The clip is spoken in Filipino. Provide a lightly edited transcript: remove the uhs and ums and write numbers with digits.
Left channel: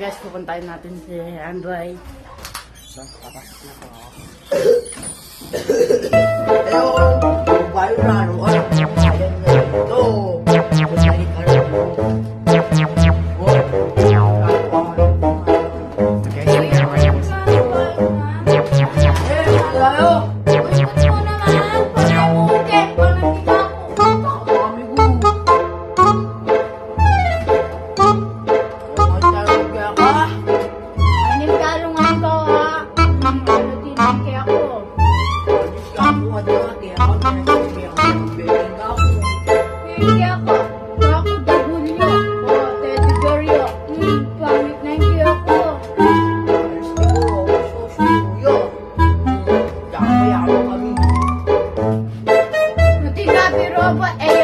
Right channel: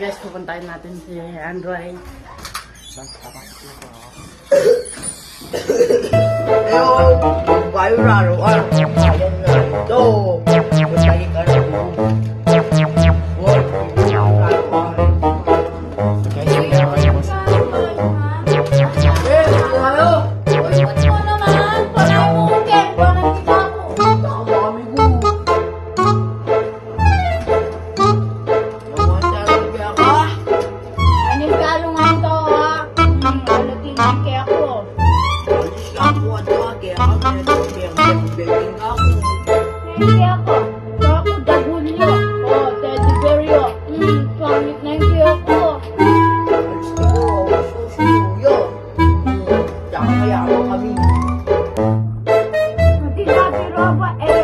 guys, pupuntahin natin si Android. Papasok na po ako. Bayo raro. Hindi ako. Ako dagulyo. Teddy bear yo. Pangit na hindi ako. Hindi na biro ba?